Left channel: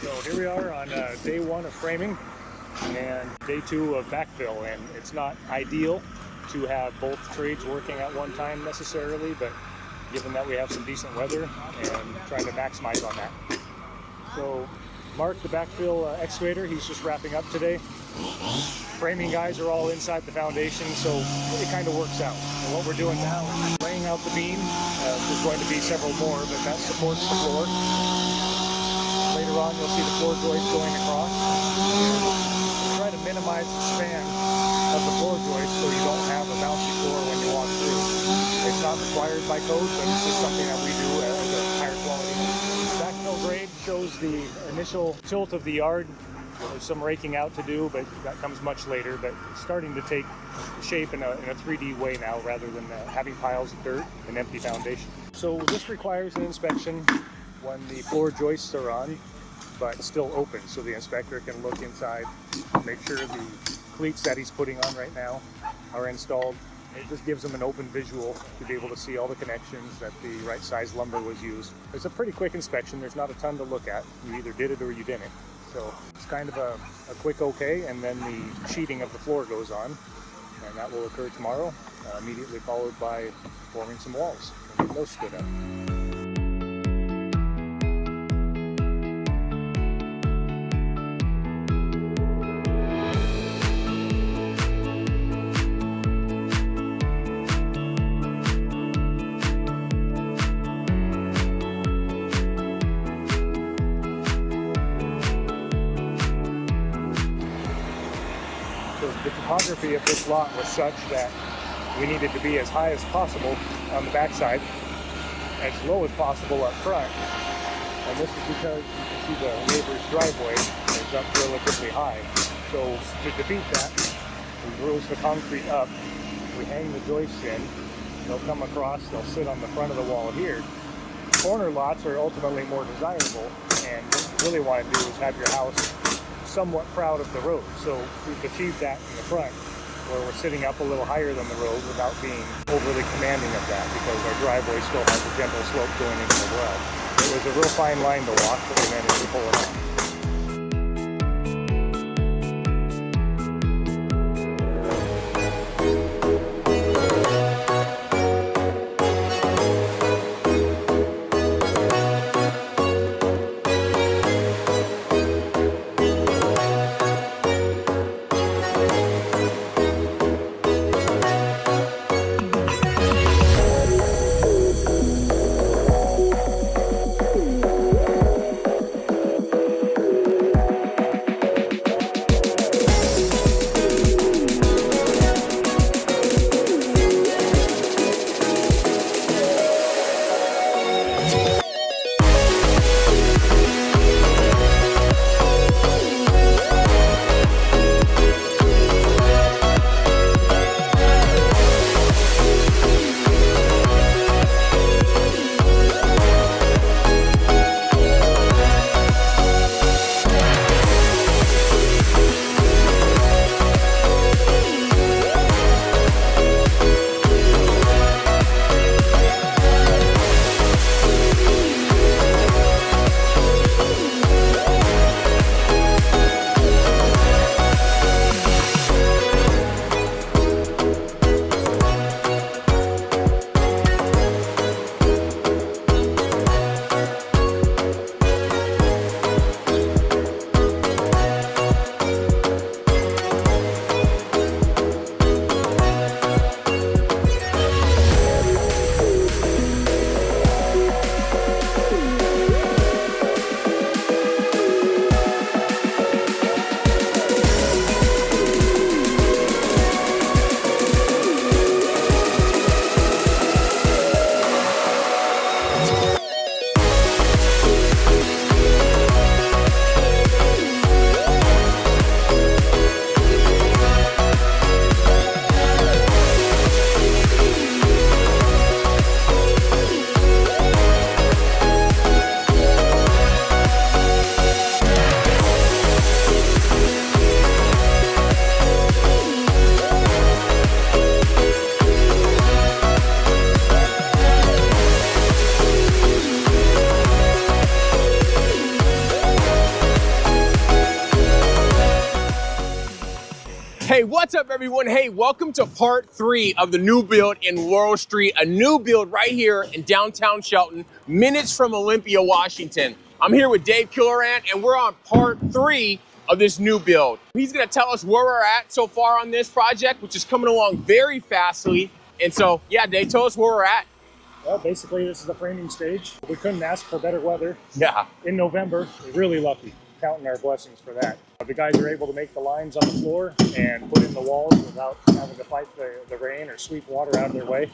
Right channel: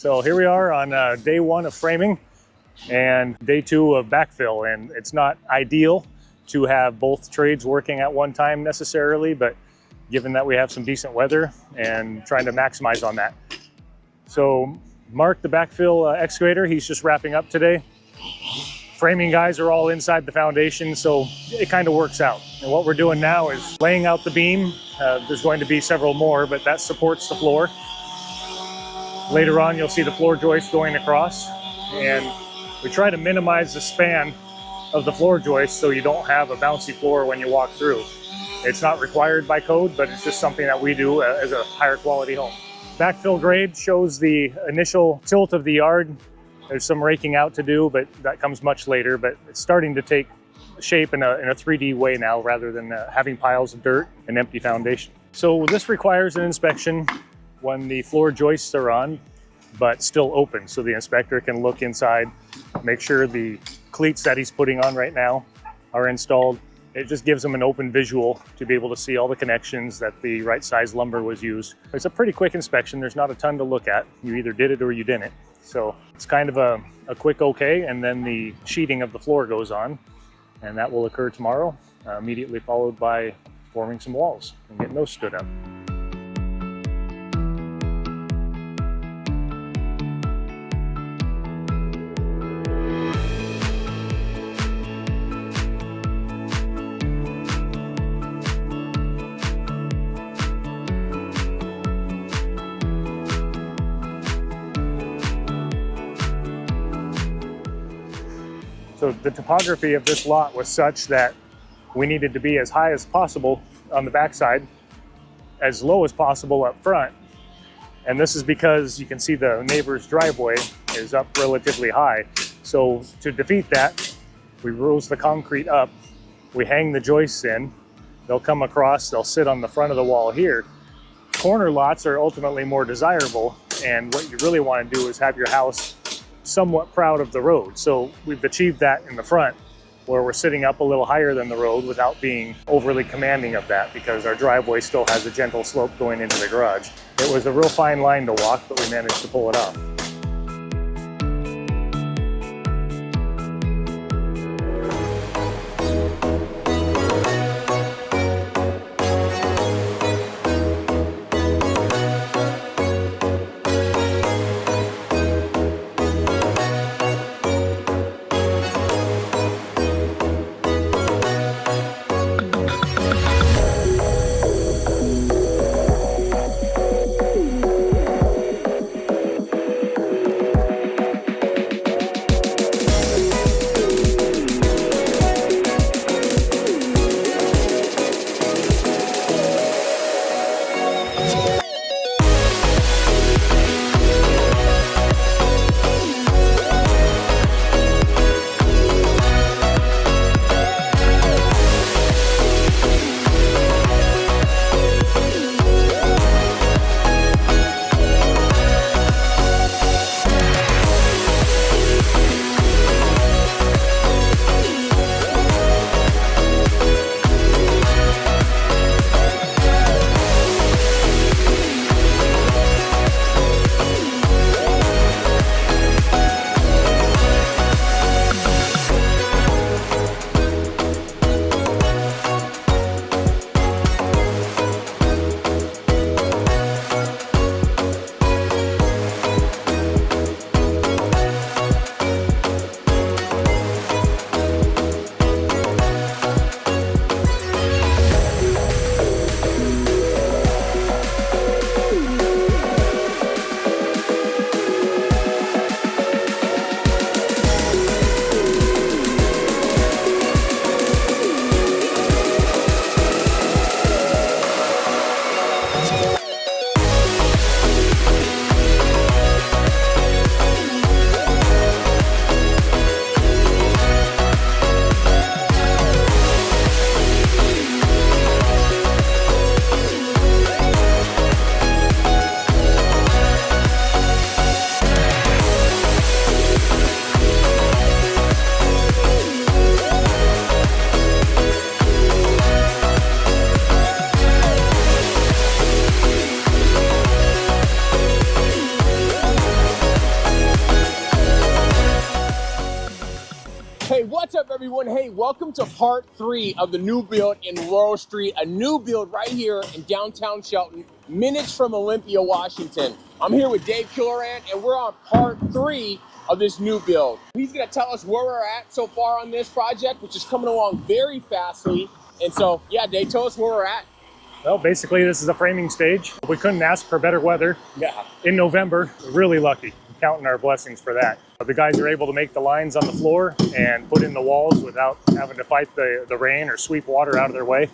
So here we are on day 1 of framing and day 2 of backfill, and it's not ideal to have both trades working at one time necessarily, but given that we have some decent weather and trying to maximize on that. So Mark, the backfill excavator, he's just wrapping up today. Framing guys are all inside the foundation, so it kind of works out. And what we're doing now is laying out the beam. There's going to be several more, but that supports the floor. Later on, you'll see the floor joist going across, and we try to minimize the span of the floor joist so you don't have a bouncy floor when you walk through. It's not required by code, but it's just something that we do as a higher quality home. Backfill grade shows the initial tilt of the yard. There's some raking out to do, but that comes much later, but it's starting to take shape in a 3D way now rather than having piles of dirt and empty foundation. So this requires an inspection when the floor joists are on, but still open, so the inspector can look inside, make sure the cleats that he's putting on right now are installed. It just gives them an open visual to be able to see all the connections, that the right size lumber was used. It's a pretty quick inspection. There's not a ton to look at. You either did it or you didn't. So it's kind of a quick okay, and then the sheeting of the floor goes on, and that will occur tomorrow, immediately followed by forming some walls and getting those stood up. So the topography of this lot was such that we needed to be as high as possible on the backside, as low as possible up front. And this is because you can see the neighbor's driveway is up relatively high. So to defeat that, we rose the concrete up, we hang the joists in, they'll come across, they'll sit on the front of the wall here. Corner lots are ultimately more desirable, and what you really want to do is have your house somewhat proud of the road. So we've achieved that in the front, where we're sitting up a little higher than the road without being overly commanding of that, because our driveway still has a gentle slope going into the garage. It was a real fine line to walk, but we managed to pull it off. What's up, everyone? Hey, welcome to part 3 of the new build in Laurel Street, a new build right here in downtown Shelton, minutes from Olympia, Washington. I'm here with Dave Killoran, and we're on part 3 of this new build. He's gonna tell us where we're at so far on this project, which is coming along very fastly. And so, yeah, Dave, tell us where we're at. Well, basically, this is a framing stage. We couldn't ask for better weather. Yeah. In November, really lucky, counting our blessings for that. The guys are able to make the lines on the floor and put in the walls without having to fight the rain or sweep water out of their way.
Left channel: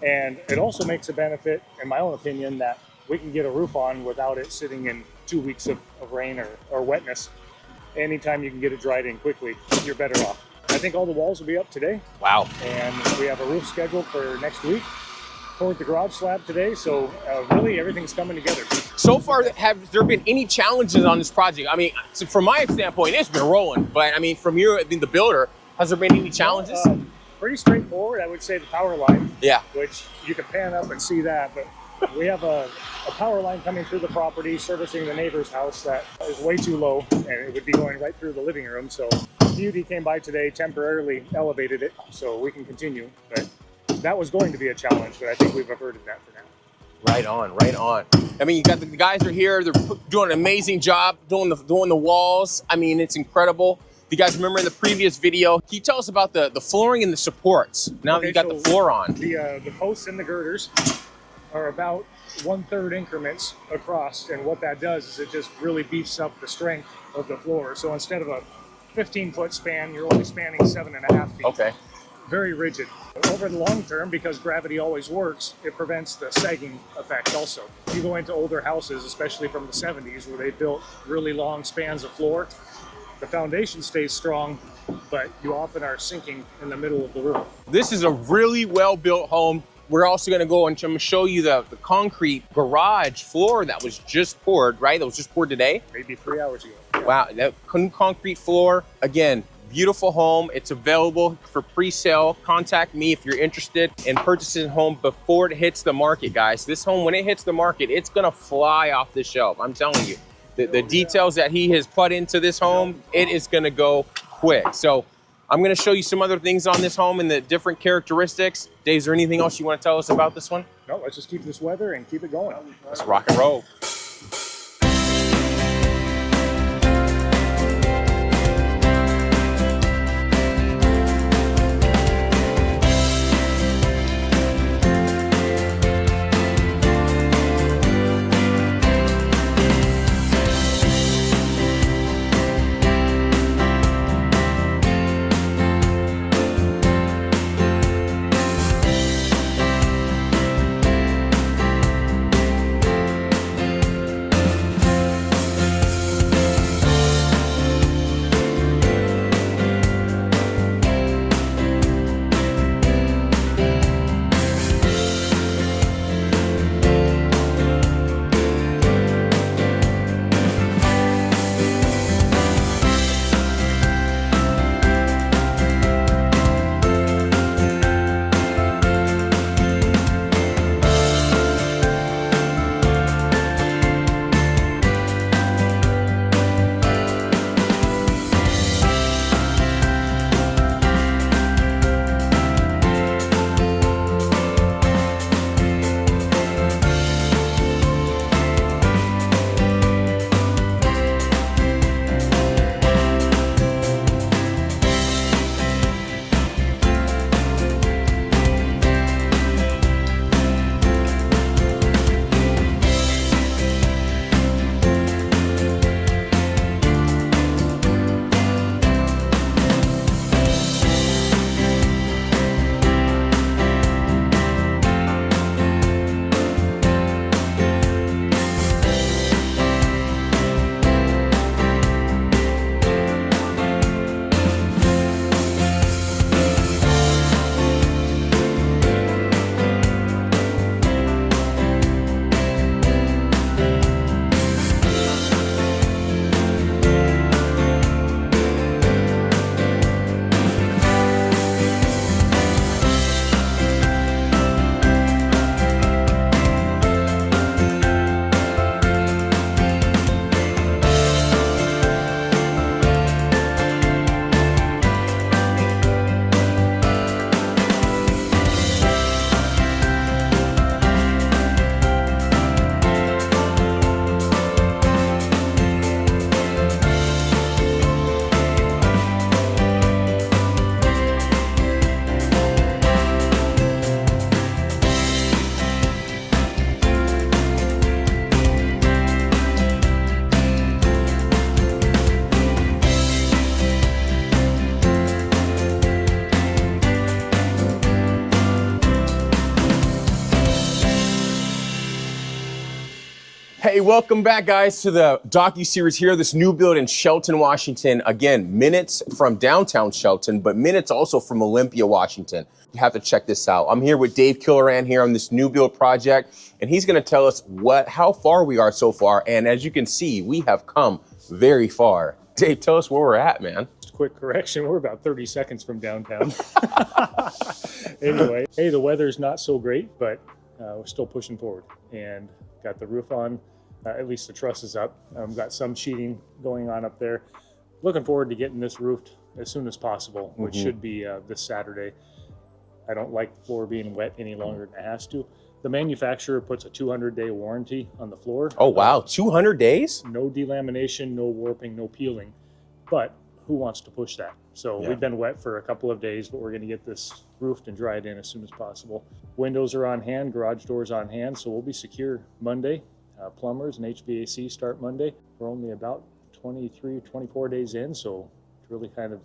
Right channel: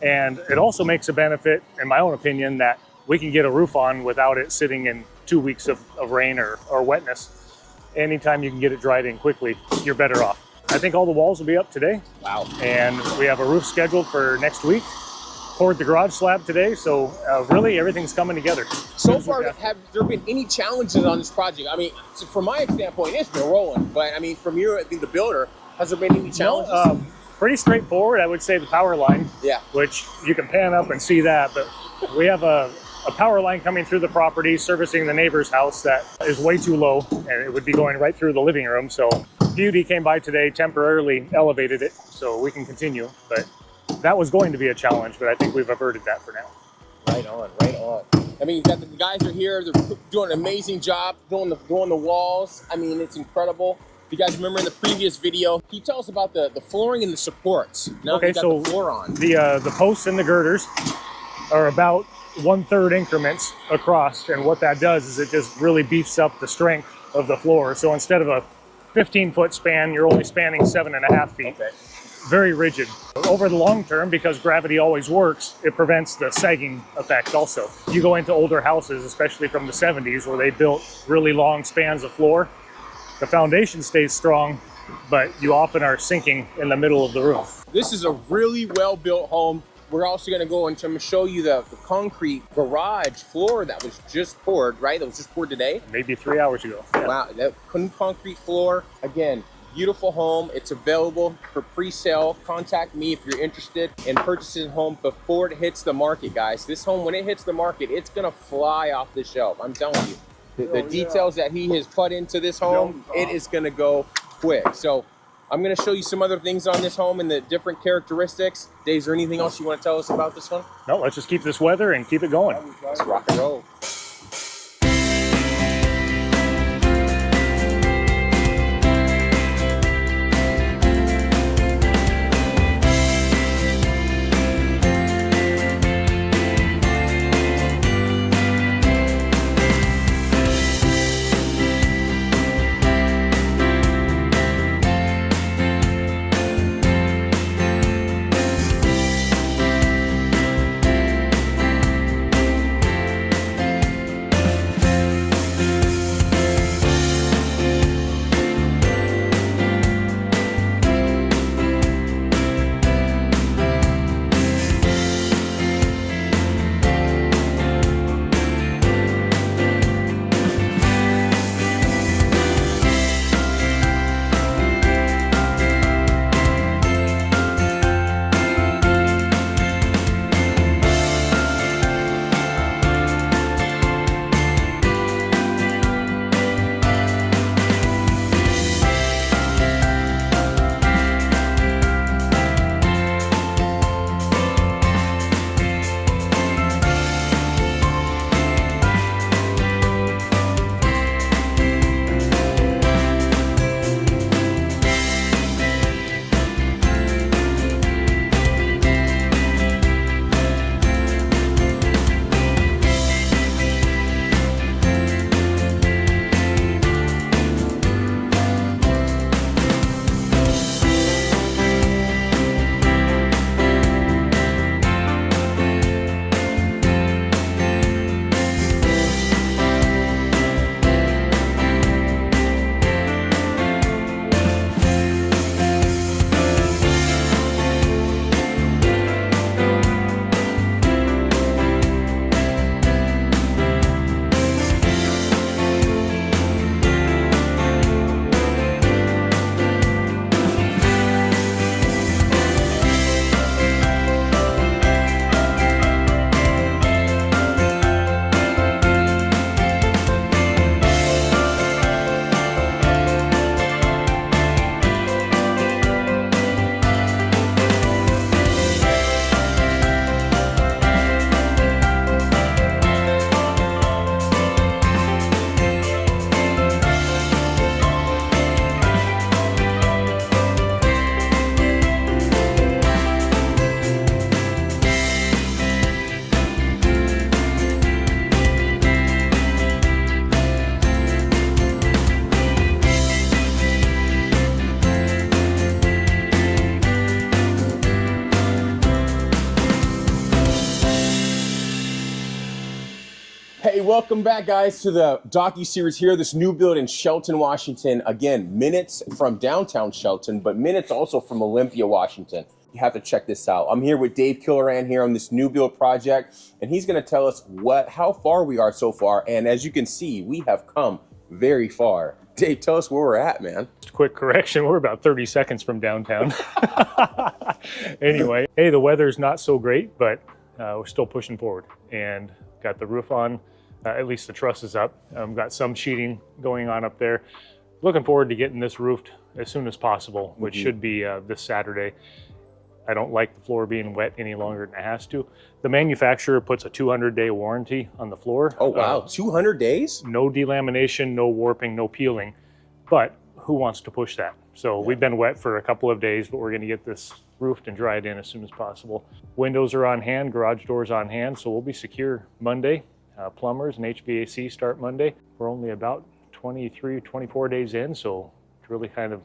And it also makes a benefit, in my own opinion, that we can get a roof on without it sitting in 2 weeks of rain or wetness. Anytime you can get it dried in quickly, you're better off. I think all the walls will be up today. Wow. And we have a roof scheduled for next week. Poured the garage slab today, so really everything's coming together. So far, have there been any challenges on this project? I mean, so from my standpoint, it's been rolling, but I mean, from you, the builder, has there been any challenges? Pretty straightforward, I would say the power line. Yeah. Which you can pan up and see that, but we have a power line coming through the property, servicing the neighbor's house that is way too low, and it would be going right through the living room. So Beauty came by today, temporarily elevated it, so we can continue. But that was going to be a challenge, but I think we've averted that for now. Right on, right on. I mean, you got the guys are here. They're doing an amazing job doing the walls. I mean, it's incredible. If you guys remember the previous video, can you tell us about the flooring and the supports? Now that you got the floor on. The posts and the girders are about 1/3 increments across, and what that does is it just really beefs up the strength of the floor. So instead of a 15-foot span, you're only spanning 7.5 feet. Okay. Very rigid. Over the long term, because gravity always works, it prevents the sagging effect also. You go into older houses, especially from the 70s, where they built really long spans of floor, the foundation stays strong, but you often are sinking in the middle of the roof. This is a really well-built home. We're also gonna go and I'm gonna show you the concrete garage floor that was just poured, right? That was just poured today? Maybe 3 hours ago. Yeah. Wow, that concrete floor. Again, beautiful home. It's available for pre-sale. Contact me if you're interested in purchasing a home before it hits the market, guys. This home, when it hits the market, it's gonna fly off the shelf. I'm telling you. The details that he has put into this home, it is gonna go quick. So I'm gonna show you some other things on this home and the different characteristics. Dave, is there anything else you wanna tell us about this one? No, let's just keep this weather and keep it going. Let's rock and roll. welcome back, guys, to the docu-series here, this new build in Shelton, Washington. Again, minutes from downtown Shelton, but minutes also from Olympia, Washington. You have to check this out. I'm here with Dave Killoran here on this new build project, and he's gonna tell us how far we are so far. And as you can see, we have come very far. Dave, tell us where we're at, man. Quick correction, we're about 30 seconds from downtown. Anyway, hey, the weather's not so great, but we're still pushing forward and got the roof on, at least the truss is up. Got some sheeting going on up there. Looking forward to getting this roofed as soon as possible, which should be this Saturday. I don't like the floor being wet any longer than it has to. The manufacturer puts a 200-day warranty on the floor. Oh, wow, 200 days? No delamination, no warping, no peeling, but who wants to push that? So we've been wet for a couple of days, but we're gonna get this roofed and dried in as soon as possible. Windows are on hand, garage doors on hand, so we'll be secure Monday. Plumbers and HVAC start Monday. We're only about 23, 24 days in, so it's really kind of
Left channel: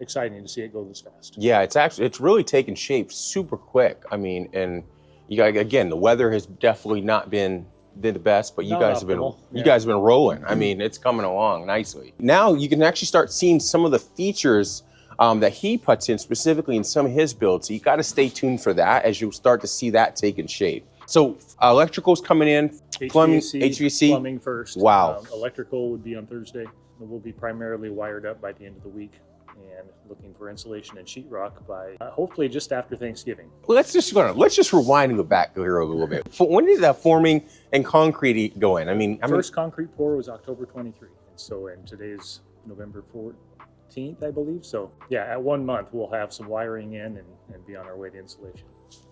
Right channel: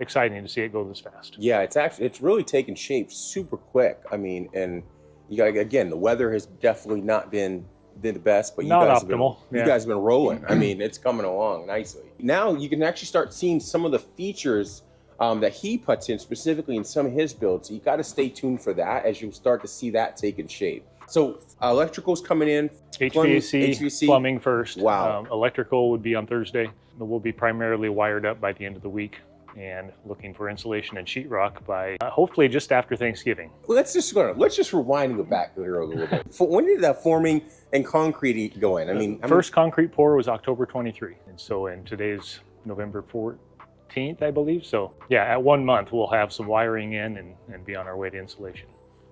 exciting to see it go this fast. Yeah, it's really taken shape super quick. I mean, and you got, again, the weather has definitely not been the best, but you guys have been rolling. I mean, it's coming along nicely. Now you can actually start seeing some of the features that he puts in specifically in some of his builds. So you got to stay tuned for that as you start to see that taking shape. So electrical's coming in, HVAC, plumbing first. Wow. Electrical would be on Thursday. We'll be primarily wired up by the end of the week and looking for insulation and sheetrock by hopefully just after Thanksgiving. Well, let's just rewind and go back here a little bit. When did that forming and concrete go in? I mean, first concrete pour was October 23, and so in today's November 14th, I believe. So yeah, at 1 month we'll have some wiring in and be on our way to insulation.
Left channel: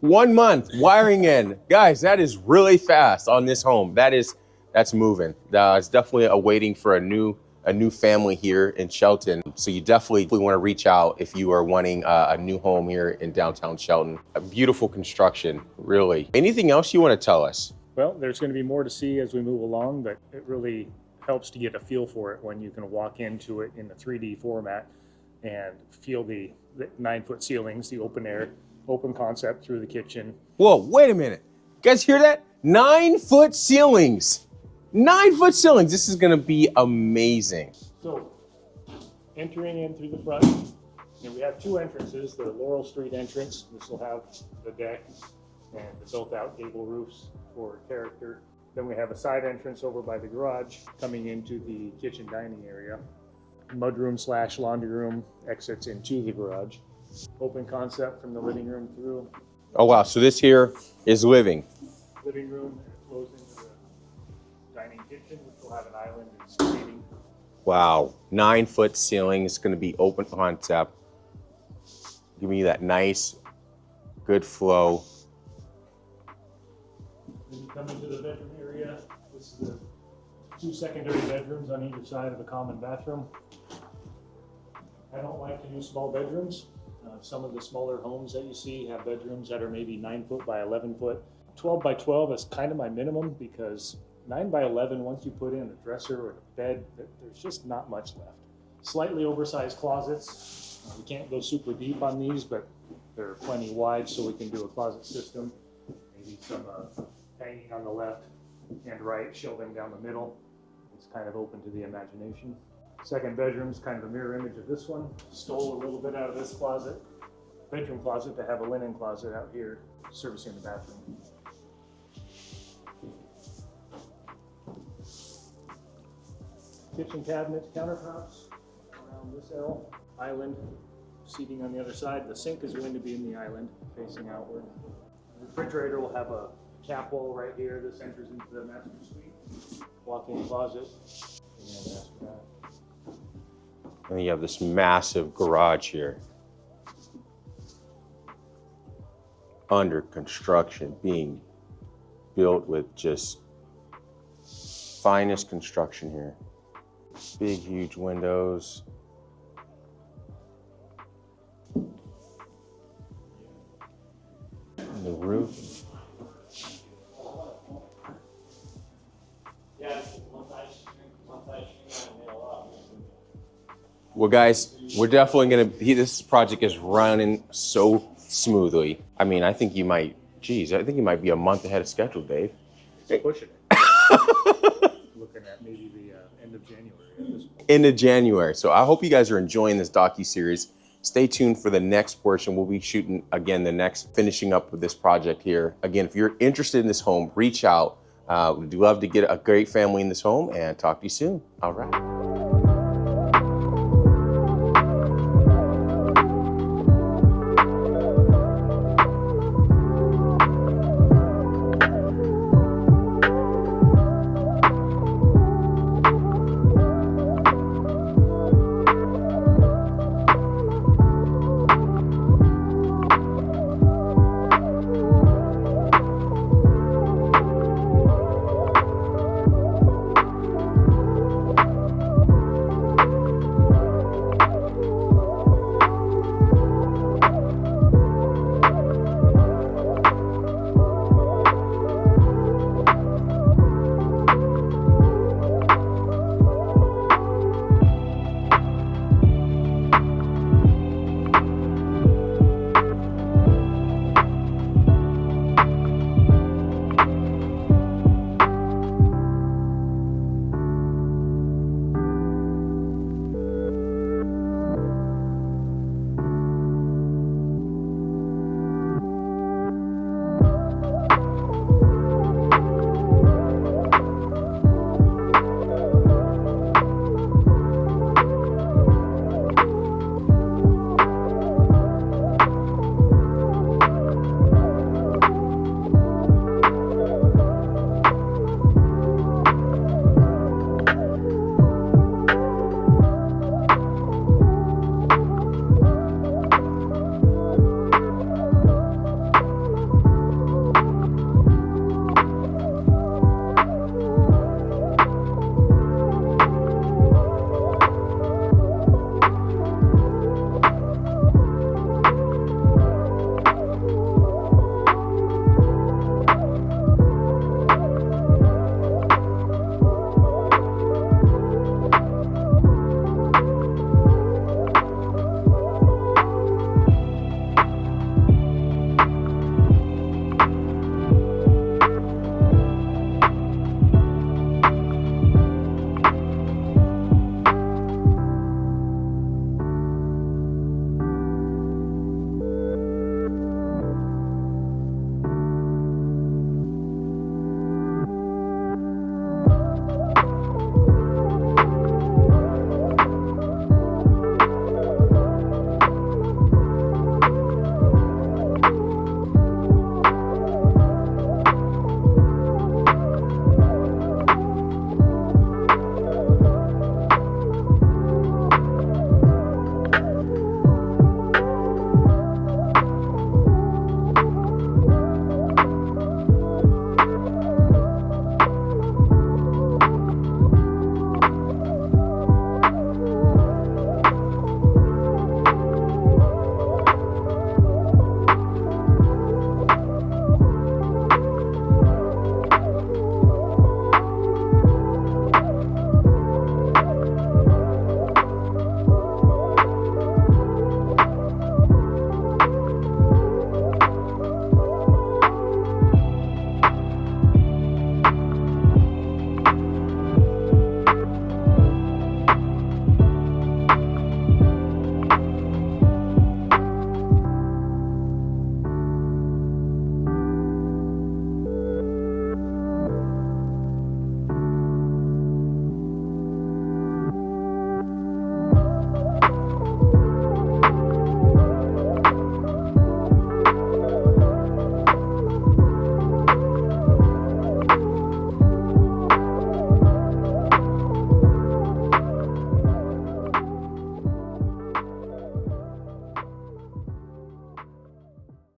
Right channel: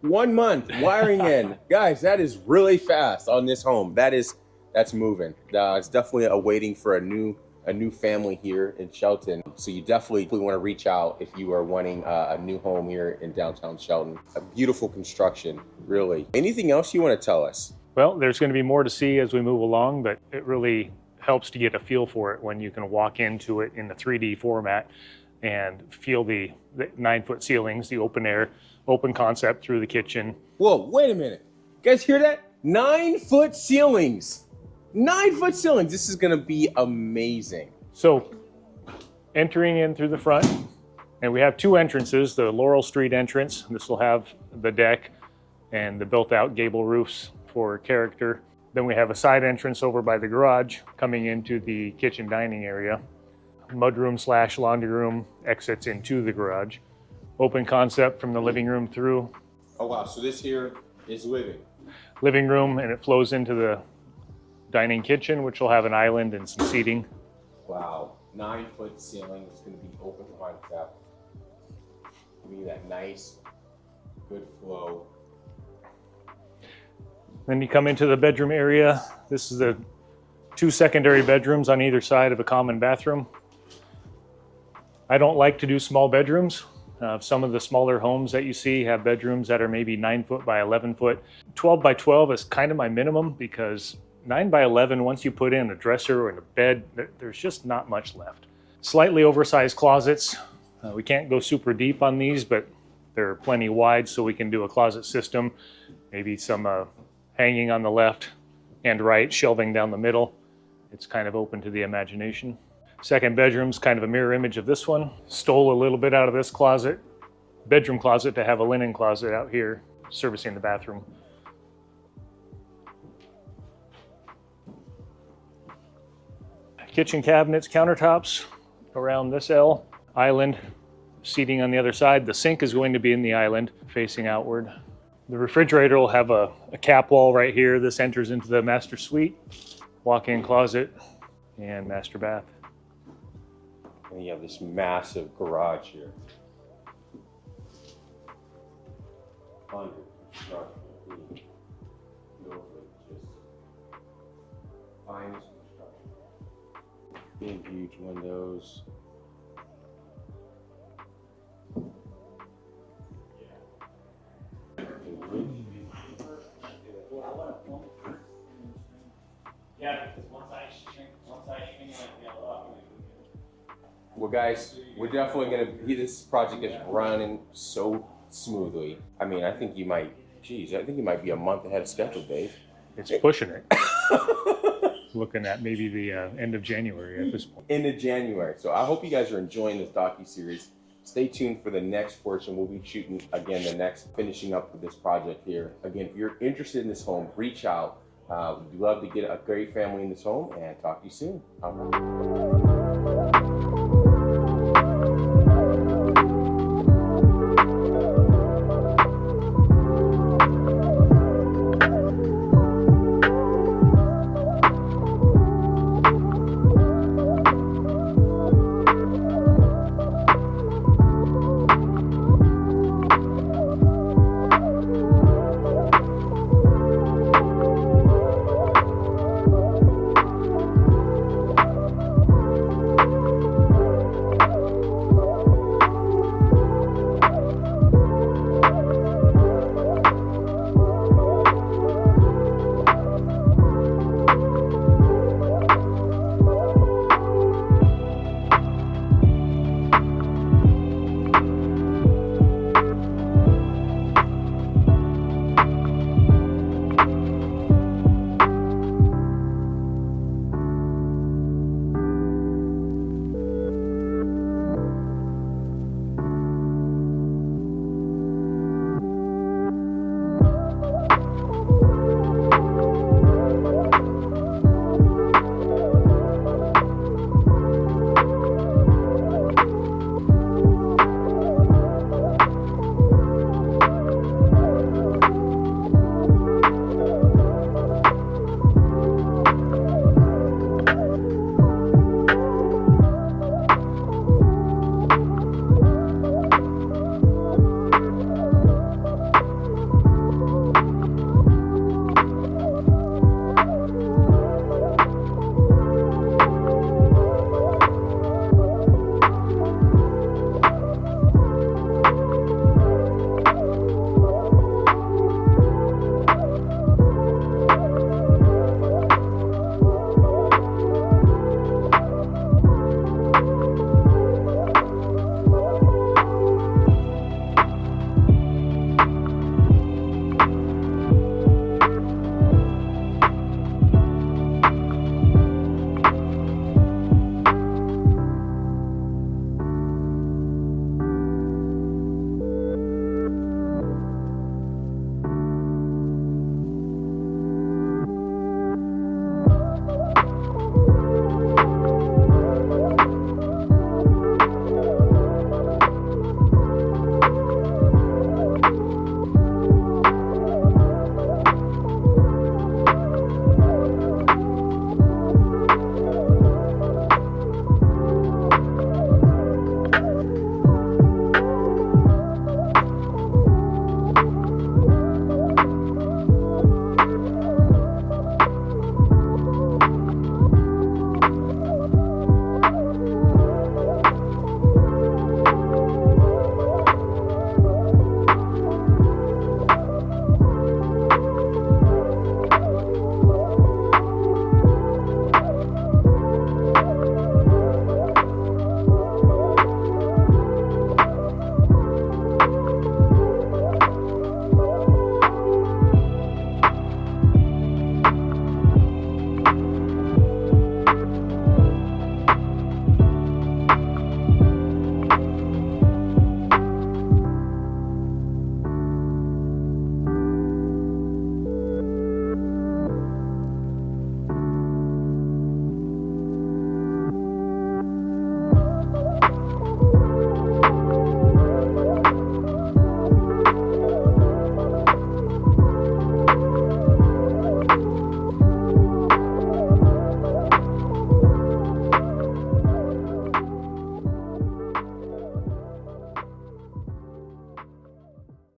1 month wiring in, guys. That is really fast on this home. That's moving. It's definitely awaiting for a new family here in Shelton. So you definitely want to reach out if you are wanting a new home here in downtown Shelton. A beautiful construction, really. Anything else you want to tell us? Well, there's going to be more to see as we move along, but it really helps to get a feel for it when you can walk into it in the 3D format and feel the 9-foot ceilings, the open air, open concept through the kitchen. Whoa, wait a minute. You guys hear that? 9-foot ceilings. 9-foot ceilings. This is gonna be amazing. So entering in through the front, and we have two entrances, the Laurel Street entrance. This will have the deck and the built out gable roofs for character. Then we have a side entrance over by the garage coming into the kitchen dining area. Mudroom / laundry room exits into the garage. Open concept from the living room through. Oh wow, so this here is living room, and it flows into the dining kitchen, which will have an island and some seating. Wow, 9-foot ceiling is gonna be open concept. Give me that nice, good flow. Then you come into the bedroom area. This is the 2 secondary bedrooms on either side of a common bathroom. I don't like to do small bedrooms. Some of the smaller homes that you see have bedrooms that are maybe 9 foot by 11 foot. 12 by 12 is kind of my minimum, because 9 by 11, once you put in a dresser and a bed, there's just not much left. Slightly oversized closets. We can't go super deep on these, but they're plenty wide, so we can do a closet system. Maybe some hanging on the left and right, shelving down the middle. It's kind of open to the imagination. Second bedroom's kind of a mirror image of this one. Stole a little bit out of this closet, bedroom closet, to have a linen closet out here servicing the bathroom. Kitchen cabinets, countertops around this L. Island, seating on the other side. The sink is going to be in the island, facing outward. The refrigerator will have a cap wall right here. This enters into the master suite, walk-in closet, and master bath. And you have this massive garage here. Under construction, being built with just finest construction here. Big, huge windows. And the roof. Well, guys, we're definitely gonna, this project is running so smoothly. I mean, I think you might be a month ahead of schedule, Dave. It's pushing it. Looking at maybe the end of January at this point. Into January. So I hope you guys are enjoying this docu-series. Stay tuned for the next portion. We'll be shooting, again, the next, finishing up with this project here. Again, if you're interested in this home, reach out. We'd love to get a great family in this home and talk to you soon. All right.